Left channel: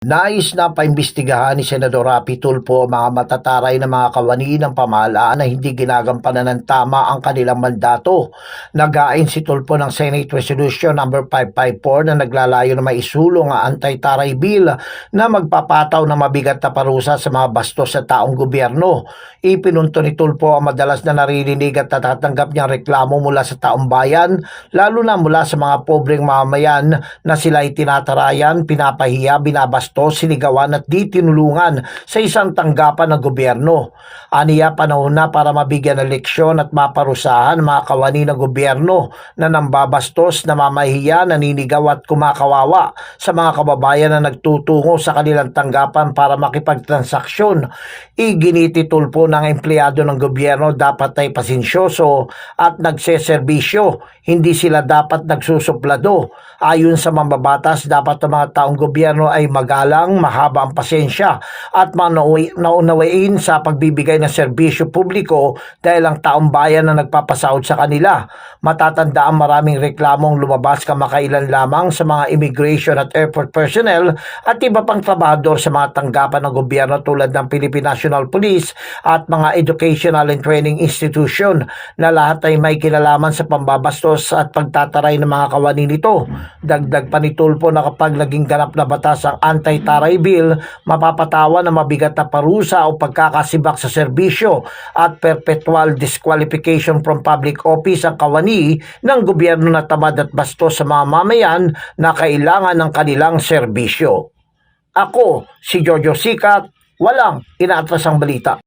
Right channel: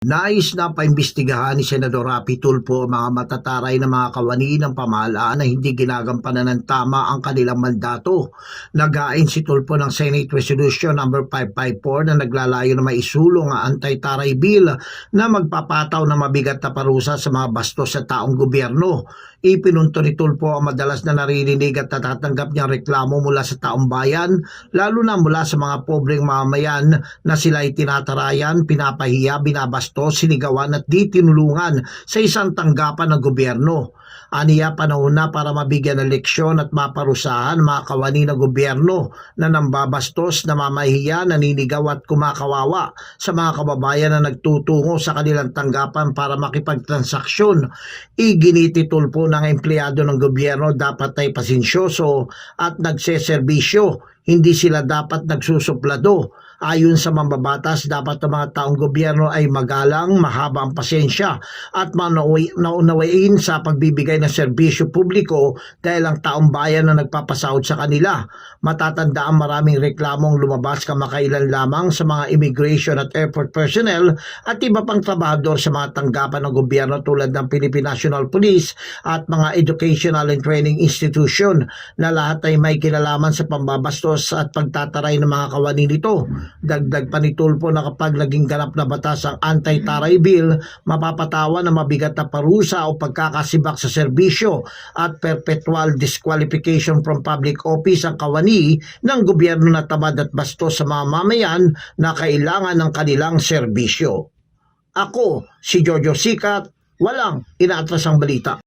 Nais na paimbestigahan ni Senador Rapi Tulfo ang mga matataray na mga kawani ng pamahalaan na hindi ginagampanan ng tama ang kanilang mandato. Nagain si Tulfo ng Senate Resolution No. 554 na naglalayo na maisulong ang anti-taray bill na magpapataw ng mabigat na parusa sa mga bastos sa taong gobyerno. Ipinunto ni Tulfo ang madalas na naririnig at natatanggap niyang reklamo mula sa taong bayan, lalo na mula sa mga pobreng mamamayan na sila ay tinatarayan, pinapahiya, binabastos, sinigawan at di tinulungan sa isang tanggapan ng gobyerno. Aniya panahon na para mabigyan ng leksyon at maparusahan mga kawani ng gobyerno na nambabastos, namamahiya, naninigaw at kumakawawa sa mga kababayan na nagtutungo sa kanilang tanggapan para makipagtransaksyon. Iginiti tulpo ng empleyado ng gobyerno dapat ay pasensyoso at nagseserbisyo. Hindi sila dapat nagsusuplado. Ayon sa mambabatas, dapat ang mga taong gobyerno ay magalang, mahaba ang pasensya at naunawain sa pagbibigay ng serbisyo publiko dahil ang taong bayan na nagpapasahod sa kanila. Matatanda ang maraming reklamong lumabas kamakailan lamang sa mga immigration at airport personnel at iba pang trabahador sa mga tanggapan ng gobyerno tulad ng Philippine National Police at mga educational and training institution na lahat ay may kinalaman sa pambabastos at pagtataray ng mga kawani nito. Dagdag pa ni Tulfo na kapag naging ganap na batas ang anti-taray bill, mapapatawan ng mabigat na parusa o pagkakasibak sa serbisyo at perpetual disqualification from public office ang kawani ng gobyerno na tamad at bastos sa mga mamayan na kailangan ng kanilang serbisyo. Ako, si Jojo Sikat, walang inaatras ang balita.